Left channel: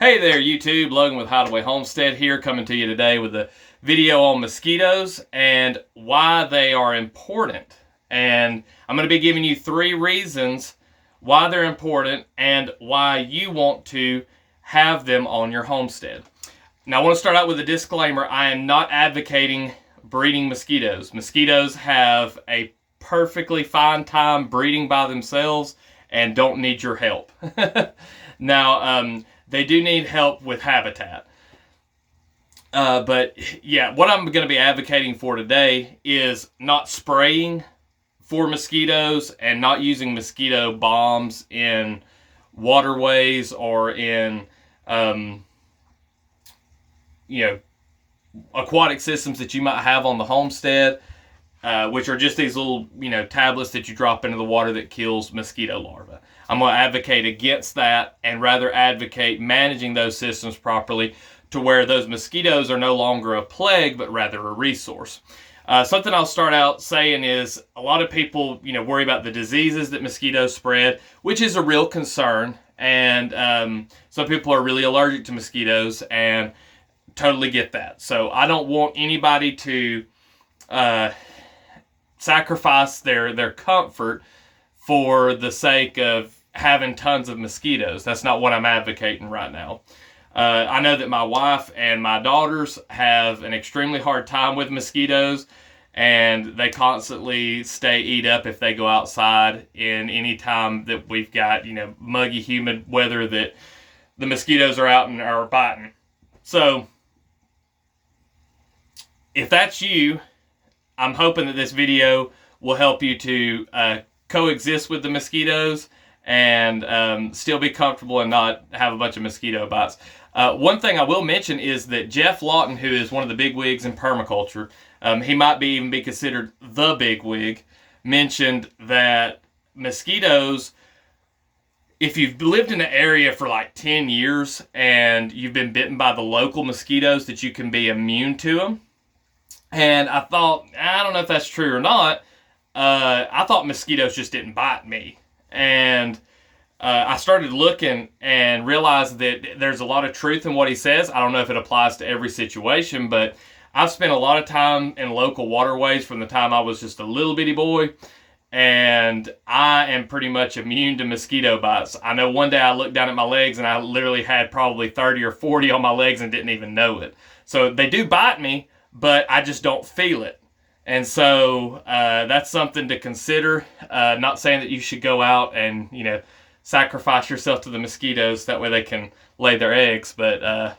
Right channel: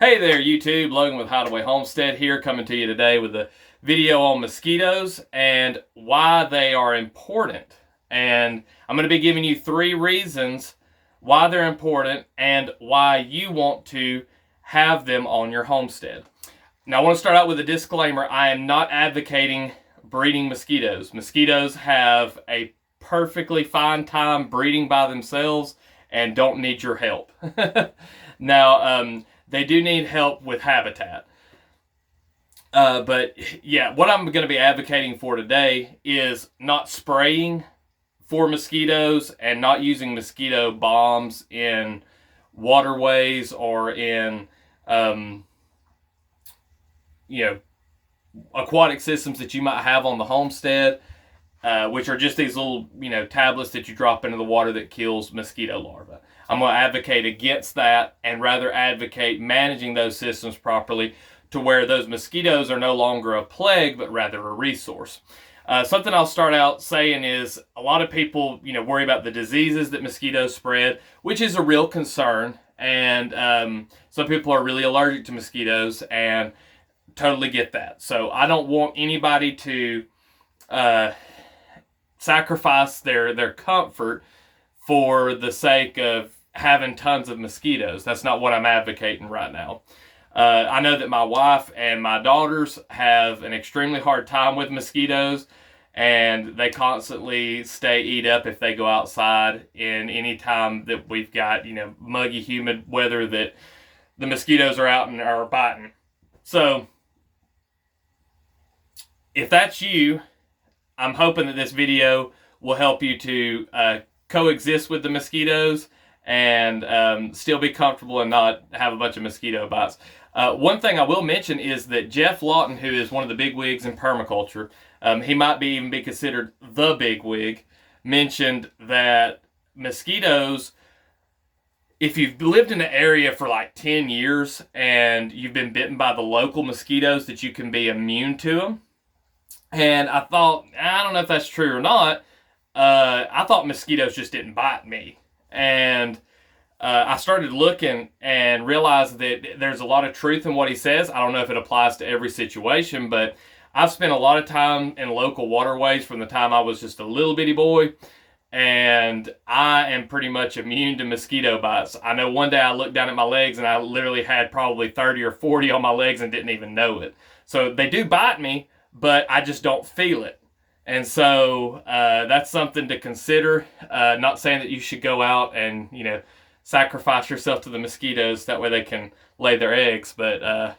Hey there, YouTube. Logan with Hideaway Homestead here, coming to you today with a video on mosquitoes and why they are important. And I'm going to be giving you 3 reasons why they're important and why you want to have them on your homestead. Now, I want to start out with a disclaimer. I am not advocating breeding mosquitoes. Mosquitoes have a perfectly fine time breeding by themselves and don't need your help. Now, they do need help with habitat. But yeah, what I'm going to be advocating for today is not spraying for mosquitoes and not using mosquito bombs in waterways or in, aquatic systems that you might have on the homestead, which are just these little, tablets that you drop into the water that kills mosquito larvae. I'm going to advocate against that and rather advocate managing those systems properly to where those mosquitoes are no longer a plague, but rather a resource. Something I'll start out saying is a lot of people, worry about the diseases that mosquitoes spread, which is a real concern. And some people are really allergic to mosquitoes and totally get that. So I don't want anybody to sacrifice their comfort for the sake of having tons of mosquitoes. That's not what I'm advocating right now. I know that my wife and my daughters have an extremely hard time with mosquitoes, and they constantly stay eat up if they go outside in any time that we've got, muggy, humid weather that the mosquitoes are out and are biting. So, if that's you, I'm hoping that this video will help you to coexist with the mosquitoes and still be comfortable and not have a bunch of mosquito bites. One thing I will mention is that Jeff Lawton, who is one of the big wigs in permaculture, he might even be considered the big wig, mentioned that mosquitoes, if you've lived in an area for like 10 years and you've been bitten by the local mosquitoes, that you can be immune to them. And I thought, I don't know if that's true or not. I thought mosquitoes just didn't bite me. And I started looking and realized that there's a lot of truth in what he says. I don't know if it applies to every situation, but I've spent a lot of time in local waterways from the time I was just a little bitty boy, and I am pretty much immune to mosquito bites. I know one day I looked down at my legs and I literally had probably 30 or 40 on my legs and didn't even know it. So they do bite me, but I just don't feel it. And so that's something to consider. Not saying that you should go out and, sacrifice yourself to the mosquitoes. That way they can lay their eggs. But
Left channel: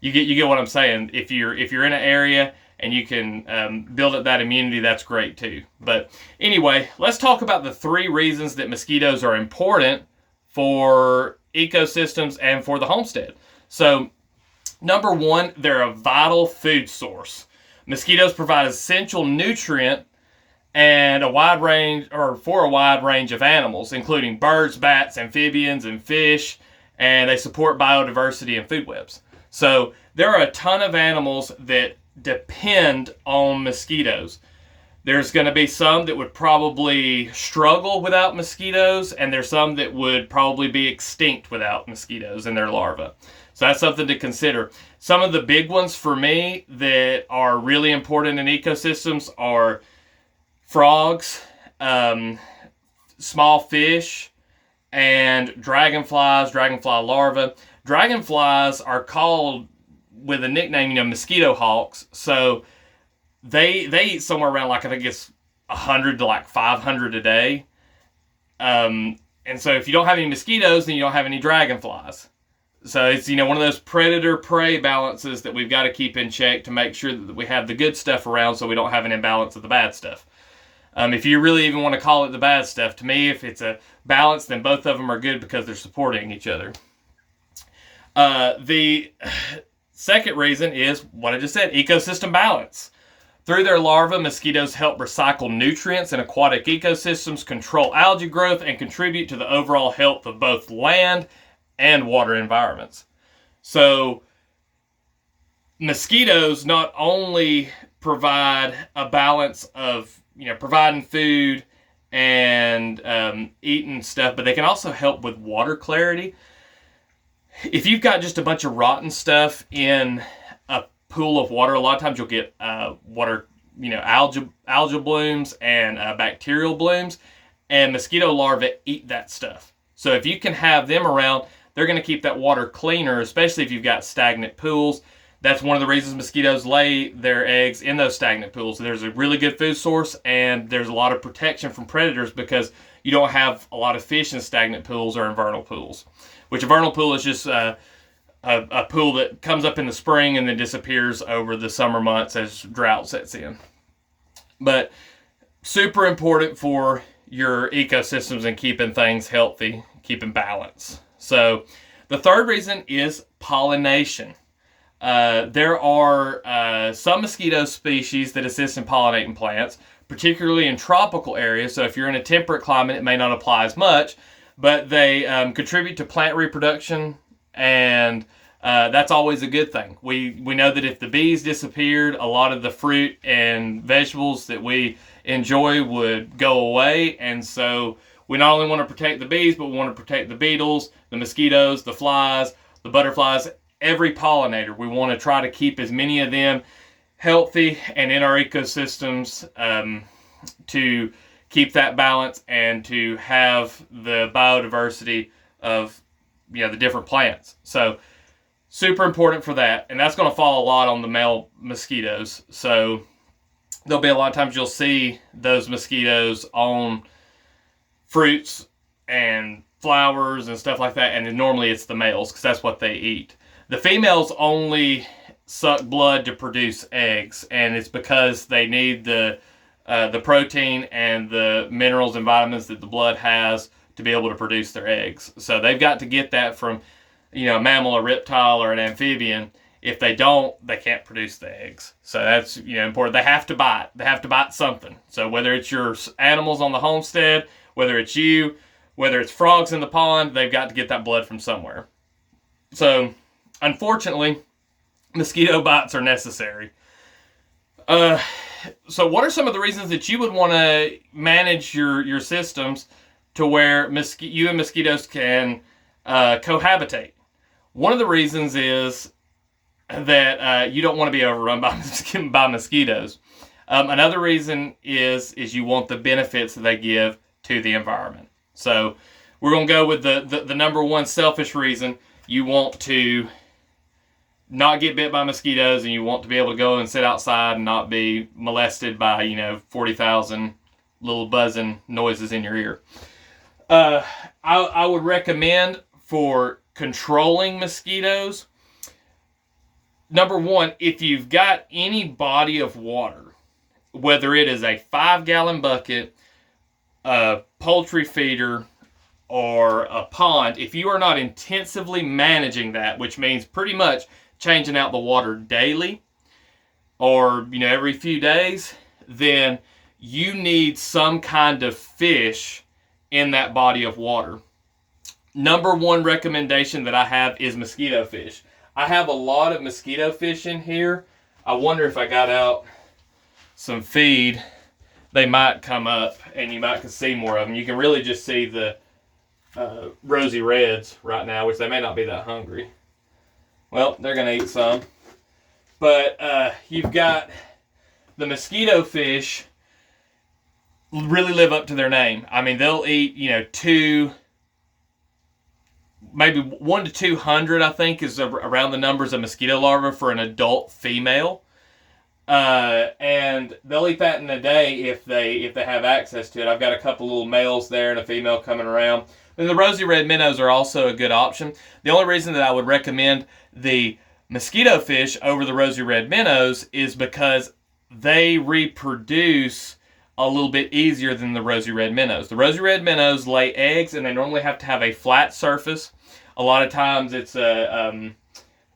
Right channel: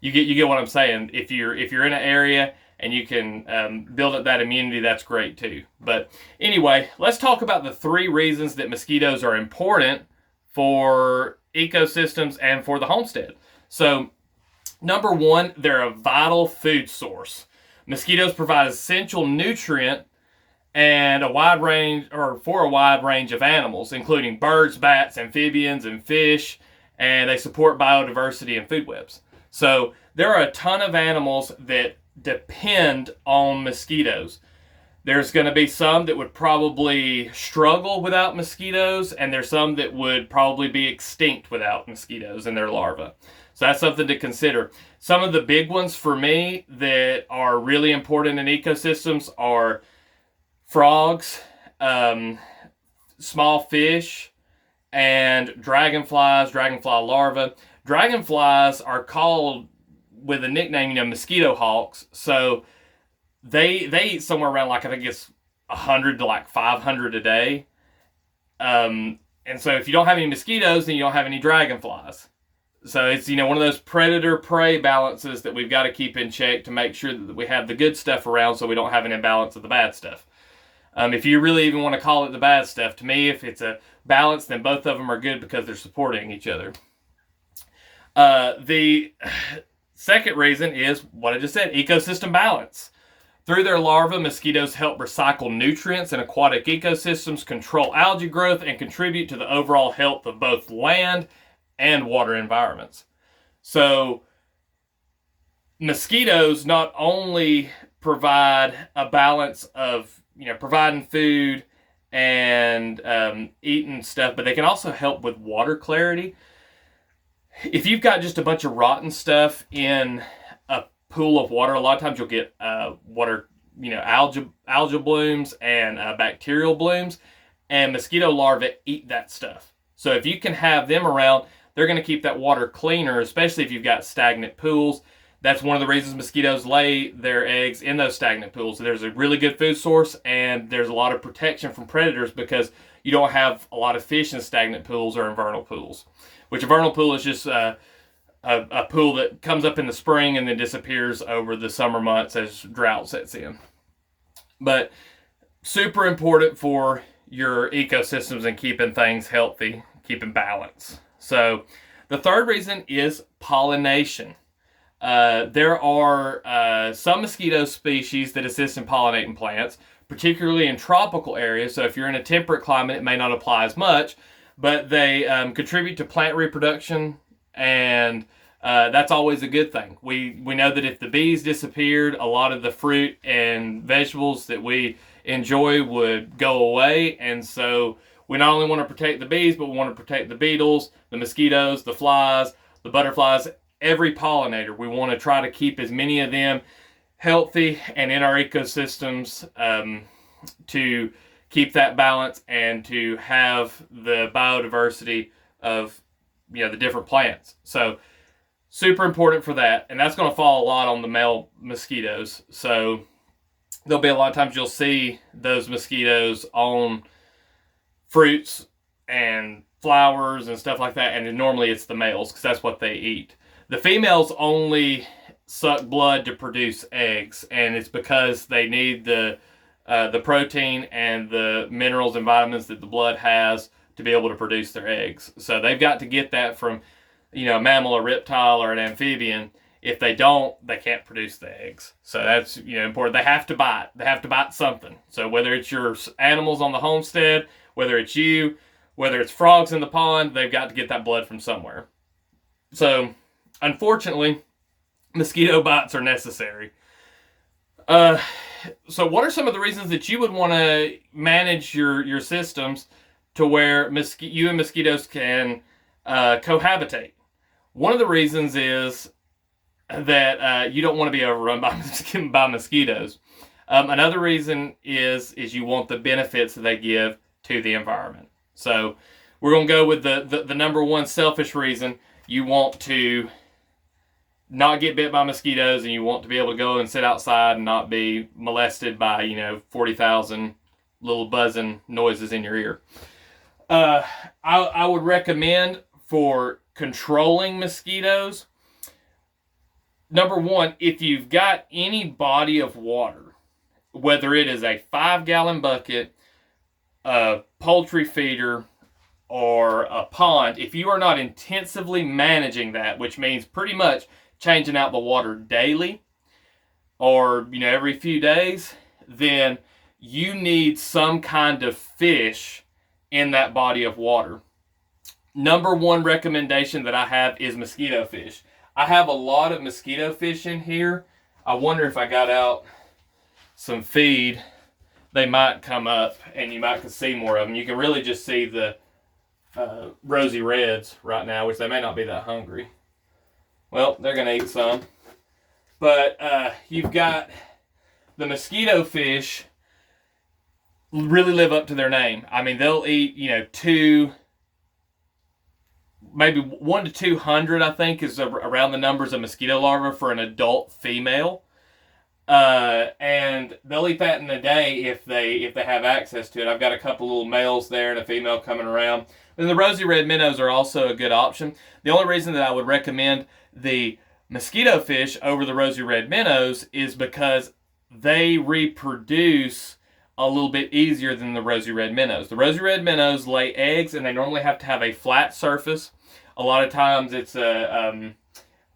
you get what I'm saying. If you're in an area and you can build up that immunity, that's great too. But anyway, let's talk about the 3 reasons that mosquitoes are important for ecosystems and for the homestead. So, number 1, they're a vital food source. Mosquitoes provide essential nutrient and for a wide range of animals, including birds, bats, amphibians, and fish, and they support biodiversity and food webs. So there are a ton of animals that depend on mosquitoes. There's going to be some that would probably struggle without mosquitoes, and there's some that would probably be extinct without mosquitoes and their larvae. So that's something to consider. Some of the big ones for me that are really important in ecosystems are frogs, small fish, and dragonflies, dragonfly larvae. Dragonflies are called with a nickname, mosquito hawks. So they eat somewhere around, I think it's 100 to 500 a day. And so if you don't have any mosquitoes, then you don't have any dragonflies. So it's, one of those predator-prey balances that we've got to keep in check to make sure that we have the good stuff around so we don't have an imbalance of the bad stuff. If you really even want to call it the bad stuff, to me, if it's a balance, then both of them are good because they're supporting each other. The second reason is what I just said, ecosystem balance. Through their larvae, mosquitoes help recycle nutrients in aquatic ecosystems, control algae growth, and contribute to the overall health of both land and water environments. So mosquitoes not only provide a balance of, providing food and eating stuff, but they can also help with water clarity. if you've got just a bunch of rotten stuff in a pool of water, a lot of times you'll get water, algal blooms and bacterial blooms, and mosquito larvae eat that stuff. So if you can have them around, they're going to keep that water cleaner, especially if you've got stagnant pools. That's one of the reasons mosquitoes lay their eggs in those stagnant pools. There's a really good food source, and there's a lot of protection from predators because you don't have a lot of fish in stagnant pools or in vernal pools. Which a vernal pool is just a pool that comes up in the spring and then disappears over the summer months as drought sets in. But super important for your ecosystems and keeping things healthy, keeping balance. So the third reason is pollination. There are some mosquito species that assist in pollinating plants, particularly in tropical areas. So if you're in a temperate climate, it may not apply as much, but they contribute to plant reproduction, and that's always a good thing. We know that if the bees disappeared, a lot of the fruit and vegetables that we enjoy would go away, and so we not only want to protect the bees, but we want to protect the beetles, the mosquitoes, the flies, the butterflies, every pollinator. We want to try to keep as many of them healthy and in our ecosystems to keep that balance and to have the biodiversity of the different plants. So super important for that, and that's going to fall a lot on the male mosquitoes. So there'll be a lot of times you'll see those mosquitoes on fruits and flowers and stuff like that, and normally it's the males because that's what they eat. The females only suck blood to produce eggs, and it's because they need the protein and the minerals and vitamins that the blood has to be able to produce their eggs. So they've got to get that from a mammal, a reptile, or an amphibian. If they don't, they can't produce the eggs. So that's important. They have to bite. They have to bite something. So whether it's your animals on the homestead, whether it's you, whether it's frogs in the pond, they've got to get that blood from somewhere. So unfortunately, mosquito bites are necessary. So what are some of the reasons that you would want to manage your systems to where you and mosquitoes can cohabitate? One of the reasons is that you don't want to be overrun by mosquitoes. Another reason is you want the benefits that they give to the environment. So we're going to go with the number one selfish reason. You want to not get bit by mosquitoes, and you want to be able to go and sit outside and not be molested by 40,000 little buzzing noises in your ear. I would recommend for controlling mosquitoes, number one, if you've got any body of water, whether it is a 5-gallon bucket, a poultry feeder, or a pond, if you are not intensively managing that, which means pretty much changing out the water daily or every few days, then you need some kind of fish in that body of water. Number one recommendation that I have is mosquito fish. I have a lot of mosquito fish in here. I wonder if I got out some feed, they might come up and you might see more of them. You can really just see the rosy reds right now, which they may not be that hungry. Well, they're going to eat some. But you've got the mosquito fish really live up to their name. I mean, they'll eat, maybe 1 to 200, I think, is around the numbers of mosquito larvae for an adult female. And they'll eat that in a day if they have access to it. I've got a couple little males there and a female coming around. And the rosy red minnows are also a good option. The only reason that I would recommend the mosquito fish over the rosy red minnows is because they reproduce a little bit easier than the rosy red minnows. The rosy red minnows lay eggs, and they normally have to have a flat surface. A lot of times it's on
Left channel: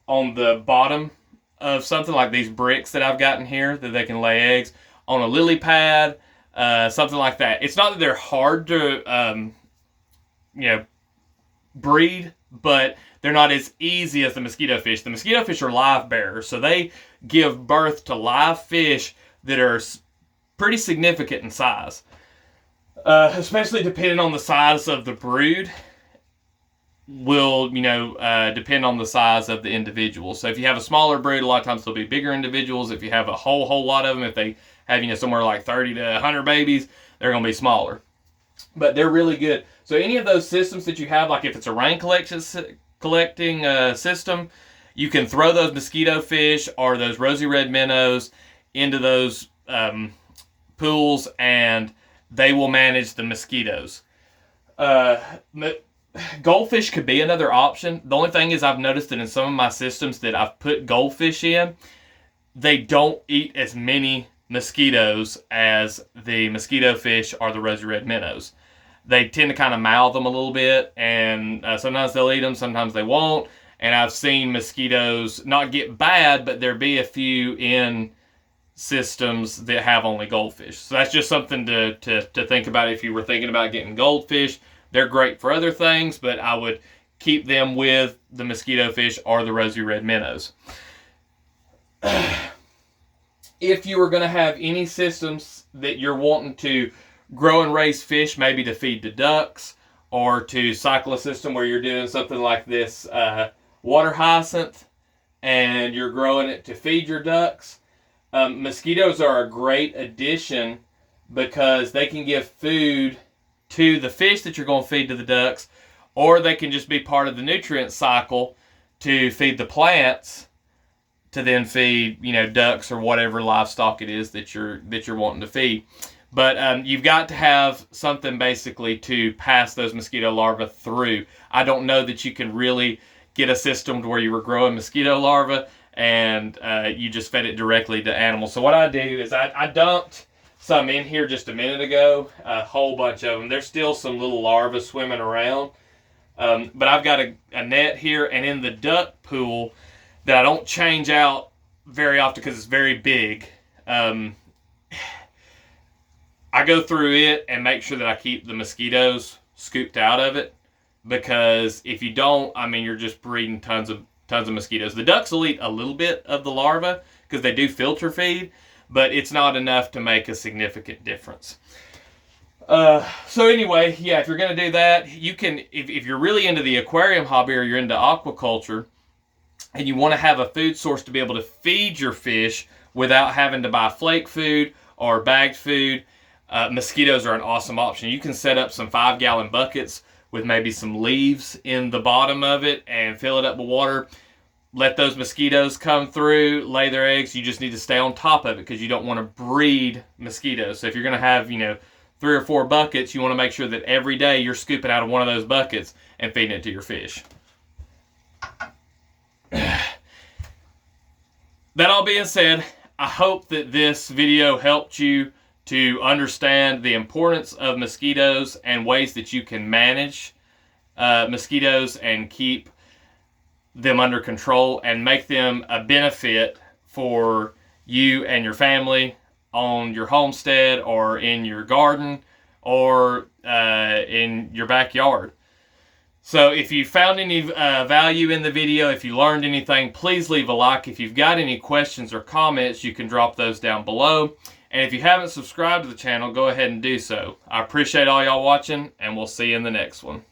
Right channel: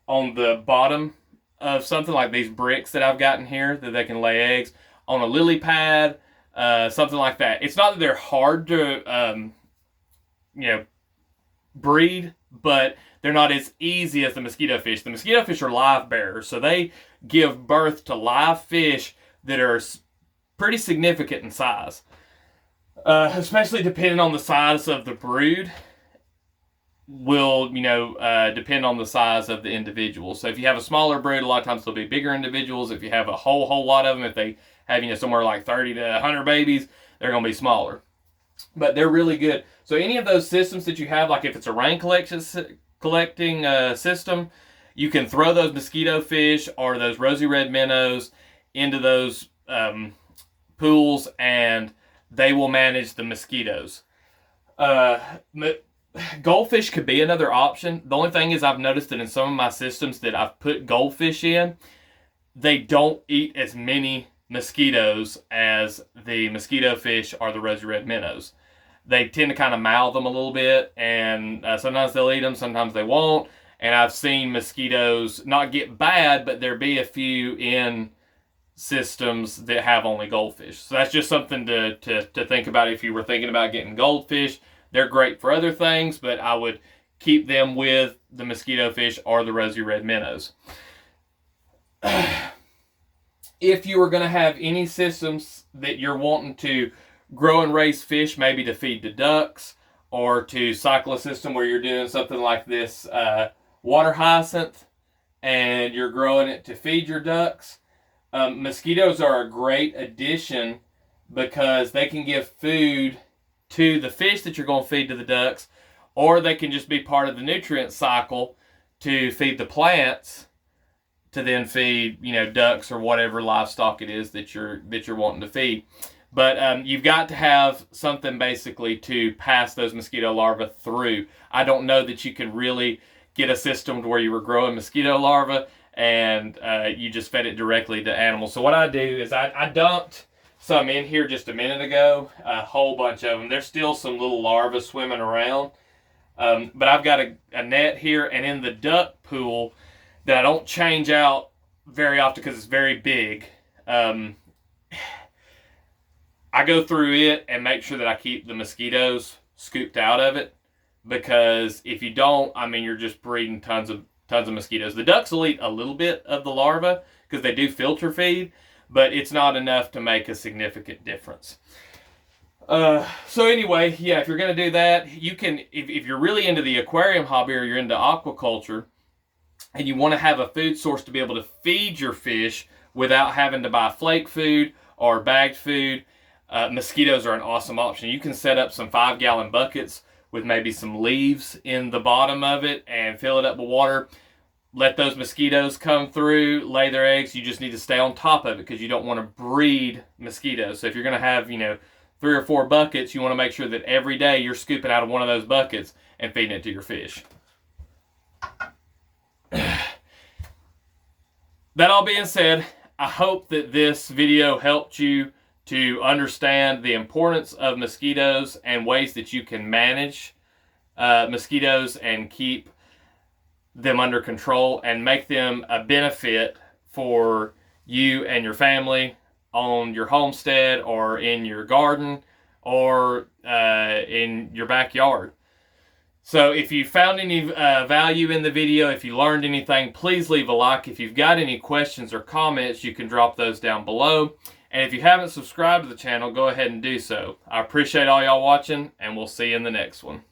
the bottom of something like these bricks that I've got in here that they can lay eggs on a lily pad, something like that. It's not that they're hard to breed, but they're not as easy as the mosquito fish. The mosquito fish are live bearers, so they give birth to live fish that are pretty significant in size, especially depending on the size of the brood. will, depend on the size of the individual. So if you have a smaller brood, a lot of times they'll be bigger individuals. If you have a whole lot of them, if they have, somewhere like 30 to 100 babies, they're going to be smaller. But they're really good. So any of those systems that you have, like if it's a rain collecting system, you can throw those mosquito fish or those rosy red minnows into those pools, and they will manage the mosquitoes. Goldfish could be another option. The only thing is, I've noticed that in some of my systems that I've put goldfish in, they don't eat as many mosquitoes as the mosquito fish or the rosy red minnows. They tend to kind of mouth them a little bit, and sometimes they'll eat them, sometimes they won't. And I've seen mosquitoes not get bad, but there be a few in systems that have only goldfish. So that's just something to think about if you were thinking about getting goldfish. They're great for other things, but I would keep them with the mosquito fish or the rosy red minnows. If you were going to have any systems that you're wanting to grow and raise fish, maybe to feed the ducks, or to cycle a system where you're doing something like this water hyacinth and you're growing it to feed your ducks, mosquitoes are a great addition because they can give food to the fish that you're going to feed to the ducks, or they can just be part of the nutrient cycle to feed the plants to then feed, ducks or whatever livestock it is that you're wanting to feed. But you've got to have something basically to pass those mosquito larvae through. I don't know that you can really get a system to where you were growing mosquito larvae and you just fed it directly to animals. So what I do is I dumped some in here just a minute ago, a whole bunch of them. There's still some little larvae swimming around. But I've got a net here, and in the duck pool that I don't change out very often because it's very big, I go through it and make sure that I keep the mosquitoes scooped out of it, because if you don't, you're just breeding tons of mosquitoes. The ducks will eat a little bit of the larvae because they do filter feed, but it's not enough to make a significant difference. So anyway, yeah, if you're going to do that, you can, if you're really into the aquarium hobby or you're into aquaculture and you want to have a food source to be able to feed your fish without having to buy flake food or bagged food, mosquitoes are an awesome option. You can set up some 5-gallon buckets with maybe some leaves in the bottom of it and fill it up with water. Let those mosquitoes come through, lay their eggs. You just need to stay on top of it because you don't want to breed mosquitoes. So if you're going to have, 3 or 4 buckets, you want to make sure that every day you're scooping out of one of those buckets and feeding it to your fish. That all being said, I hope that this video helped you to understand the importance of mosquitoes and ways that you can manage mosquitoes and keep them under control and make them a benefit for you and your family on your homestead or in your garden or in your backyard. So if you found any value in the video, if you learned anything, please leave a like. If you've got any questions or comments, you can drop those down below. And if you haven't subscribed to the channel, go ahead and do so. I appreciate all y'all watching, and we'll see you in the next one.